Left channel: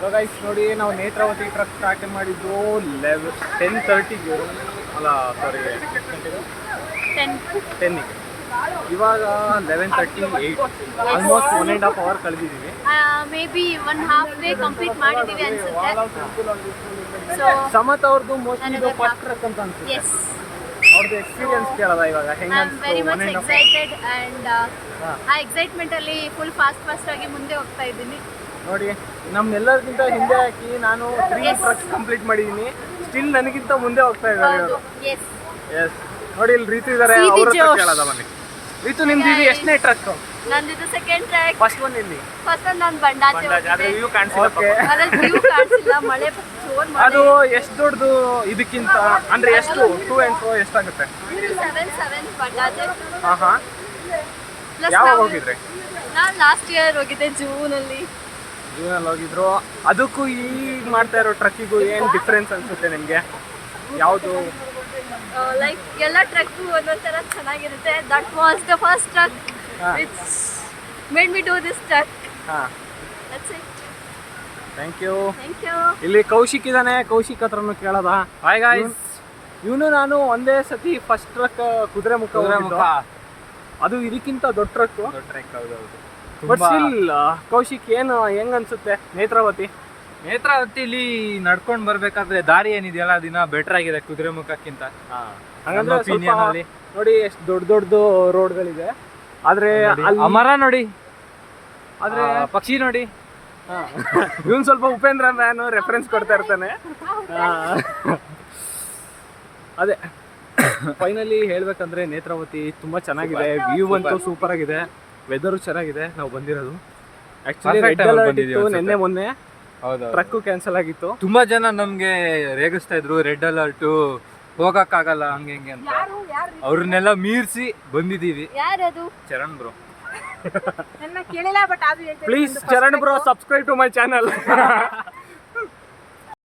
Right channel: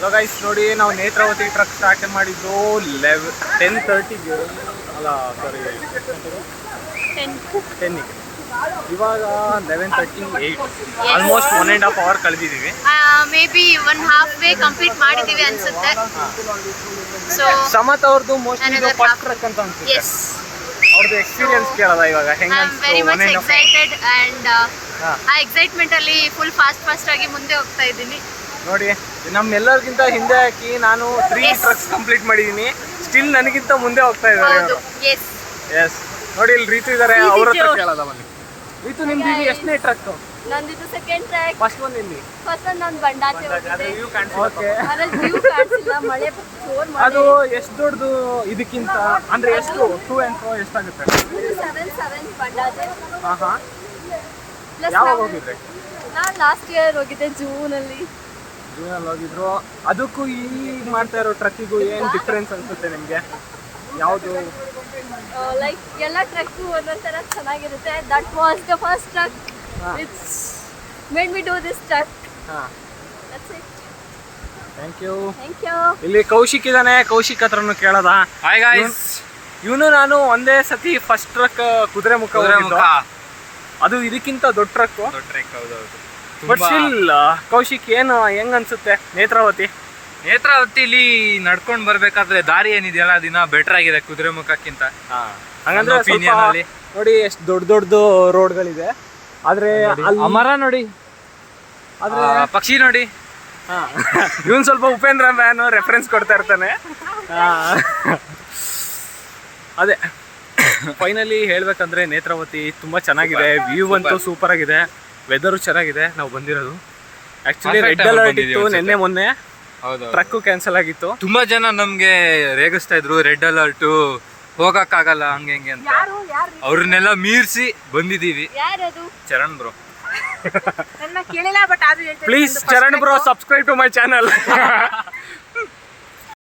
So guys ನೋಡಿ, ನಾವು Netravati truck start ಮಾಡಿದ್ದು 10:30ಗೆ, ಅಲ್ಲ ಸಾರಿ 10ಗೆ. ಇವಾಗ 11:38, ಆಲ್ಮೋಸ್ಟ್ 1.5 hour ಕಳೆದಿದ್ದೀವಿ. ಮೇ ಬಿ 1/2 ವೇ ಕಂಪ್ಲೀಟ್ ಮಾಡಿದ್ದೀವಿ ಅನ್ಸುತ್ತೆ. ಸೊ ಸಮತ್ ಅವ್ರದ್ದು ಮೋಸ್ಟ್ಲಿ ಇದು ಫಸ್ಟ್ ಟ್ರಕ್ ಅಂತ ಅನ್ಸುತ್ತೆ. ಎಸ್, ಅವ್ರದ್ದು ಎಕ್ಸ್ಪೀರಿಯನ್ಸ್ ಕೇಳೋದ ಇವಾಗ ಹೆಂಗ I am very much excited and ಆ ಎಕ್ಸೈಟ್ಮೆಂಟ್ ಅಲ್ಲಿ ಫುಲ್ ಫಾಸ್ಟ್ ಆಗಿ ಮುಂದೆ ಹೋಗ್ತಾ ಇದ್ದೀನಿ. ನೋಡಿ, ನಮ್ಮೆಲ್ಲರಿಗಿಂತ ಹಿಂದೆ ಹಾಕಿ ನಾನು 3 ಟ್ರಕ್ಸ್ ಕಂಪ್ಲೀಟ್ ಮಾಡಿದೀನಿ. ಸ್ಟಿಲ್ ನನಗಿಂತ ಮುಂದೆ ಹೋಗ್ತಾ ಇದ್ದಾರೆ. ಹೌದು, ಎಸ್ ಎಸ್. ನೋಡಿ ಇಲ್ಲಿ ರೀತು ಇದಾರೆ, ಅವ್ರ ಹತ್ರ ಕೇಳೋದ ಬನ್ನಿ. ರೀತು, ನಿಮ್ದು ಇದು ಎಷ್ಟನೇ ಟ್ರಕ್? ನಂದಿದು ಸೆಕೆಂಡ್ ಟ್ರ್ಯಾಕ್. ಫಸ್ಟ್ ಒನ್ ಇಲ್ಲಿ. ಫಸ್ಟ್ ಒನ್ ನಾನು ಬಂಡಾಚೆ ಹೋಗಿದ್ದೆ. ಓಕೆ. ಅದ್ರಲ್ಲಿ ವ್ಯೂ ಕಾಣಿಸಿಲ್ಲ, ಮಳೆ ಜೋರ್ ಮಳೆ. ಅದು ಎಷ್ಟು ದೊಡ್ಡದು ಇದಕ್ಕಿಂತ ಅಂದ್ರೆ ಎಷ್ಟು ಟು ಅಂಡ್ ಫ್ರೋ ಎಷ್ಟಾಗುತ್ತೆ? 7 ಬಂಡಾಚೆ. ಹಾ. Plus ಯಾವಾಗ ಹೋಗಿದ್ರಿ? ನಾನು ಲಾಸ್ಟ್ ಇಯರ್ ಹೋಗಿದ್ದೆ ಜೂನಲ್ಲಿ ಹೋಗಿದ್ರು. ಅದಕ್ಕೂ ಈಗ ಮಾಡ್ತಾ ಇರೋ ಟ್ರಕ್ಕಿಗೂ ಏನ್ ಡಿಫ್ರೆನ್ಸ್ ಅನ್ಸುತ್ತೆ ನಿಮ್ಗೆ? ಯಾವುದು? ಲೈಕ್ ಎಲ್ಲ ಟ್ರಕ್ಕು ಒಂದೊಂಥರ ಚೆನ್ನಾಗಿರುತ್ತೆ. That was the first truck. It's made me do this truck. That's it. Thank you. Thank you. ಇಲ್ಲಿ ಕೌಶಿಕ್ ಇದಾನೆ, ಕೌಶಿಕ್ ಹತ್ರನು ಕೇಳೋದ. Hi guys. ಇವನು ನಾನು ಒಂದೇ ಸತಿ ಫಸ್ಟ್ ಟ್ರಕ್ ಕುದುರೆಮುಖ. ಅದು ಇದಕ್ಕಿಂತ ದೊಡ್ಡ ಟ್ರಕ್. ಹೌದೌದು. ಬಟ್ ಸ್ಟಿಲ್ ಕೌಶಿಕ್ ಏನು ಹೆಂಗ್ ಅನ್ಸುತ್ತೆ ನೇತ್ರಾವತಿಲಿ ನಡ್ಕೊಂಡ್ ಬರ್ಬೇಕಾದ್ರೆ ದಾರಿ ಏನಿದೆಯಲ್ಲ ದಿನ ಬೆಟರ್ ಆಗಿದೆ ಕುದುರೆಮುಖಕ್ಕಿಂತ. ಹಂಗಂದ್ರೆ opinion ಅಲ್ಲಿ. ನೋಡಿ ಎಷ್ಟು ದೊಡ್ಡ ರೋಡ್ಗಳಿದೆ. ಆದ್ರೆ ಮರ ನೋಡಿ, ಆದ್ರೆ ಪಕ್ಷಿ ನೋಡಿ. ಇವನ್ ಸ್ವಲ್ಪ ಉಪೇಂದ್ರ ಮ್ಯಾನ್ ರೆಫರೆನ್ಸ್ ಕೊಡ್ತಾ ಇರ್ತಾನೆ. ಅದೇ ಫೈನಲಿ ಹೇಳ್ಬೇಕಂದ್ರೆ ನೇತ್ರಾವತಿ ತುಂಬಾ ಚೆನ್ನಾಗಿದೆ. ವ್ಯೂ ಅಂತೂ ಸೂಪರ್ ಆಗಿದೆ, ವೆದರು ಚೆನ್ನಾಗಿದೆ. ನಾವು ಬಂದಿರೋದು ಆಕ್ಚುಲಿ ರೆಡ್ ಅಲರ್ಟ್ ಇತ್ತು ನಿನ್ನೆ ಮೊನ್ನೆ. ಟ್ರಕ್ ಕ್ಯಾನ್ಸಲ್ ಆಗಿತ್ತು. ತುಂಬಾ ಜನ ನಮ್ಗೆ ರೇಗಿಸ್ತಾ ಇದ್ರು, ರೆಡ್ ಅಲರ್ಟ್ ಹೋಗಕ್ಕಾಗಲ್ಲ ಹಂಗೆ ಹಿಂಗೆ ಅಂತ. ಅವ್ರನ್ನೆಲ್ಲ ಮೀರ್ಸಿ ಬಂದಿದೀವಿ. ಯಾರದು? ಚರಣ್ ಬ್ರೋ. ನನ್ನ ಕೇಳಿಲ್ಲ, ಬಟ್ ಅದು please Charan bro, subscribe to my channel.